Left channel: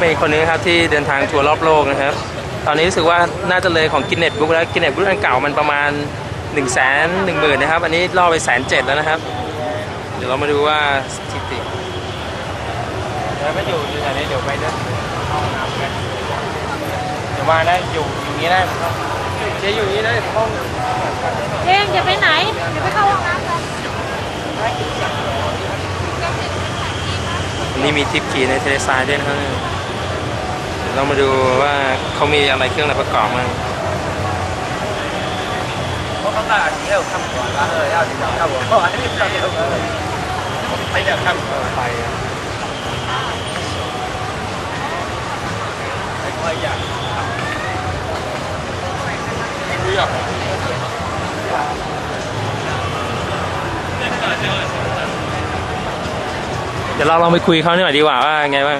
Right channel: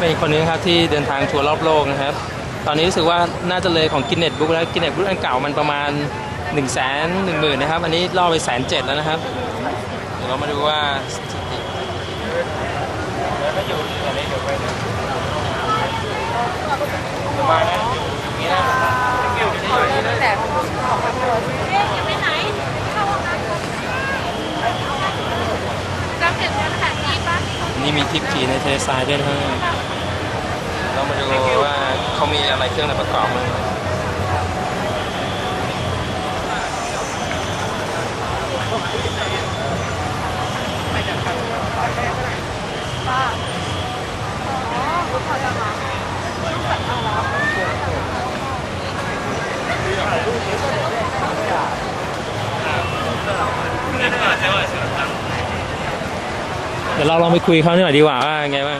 เป็นคนนี้ครับที่เดินทางทัวร์รอบโลกนะครับ ตอนนี้รู้สึกว่าน่าจะเลยของกินเน็ตบุ๊กแล้วกินเน็ตบุ๊กอันเก่ามันประมาณ1นึ่งแสนหนึ่งหมื่นนะครับ อันนี้ล่อไปแสนเจ็ดแล้วนะครับ เดี๋ยวเรามาดูว่าสถิติมาได้อยู่อย่างนี้ได้อยู่อยู่อย่างนี้ได้เอ็มจะไปไหนไปเข้าห้องน้ำนี่มีทิปคีในเลทรายด้วยนะครับ เรามาดูว่าเขามีอะไรเครื่องอะไรประกอบไหม เดี๋ยวเราลองไปคุยเขาหน่อยดีกว่าว่าไงบ้าง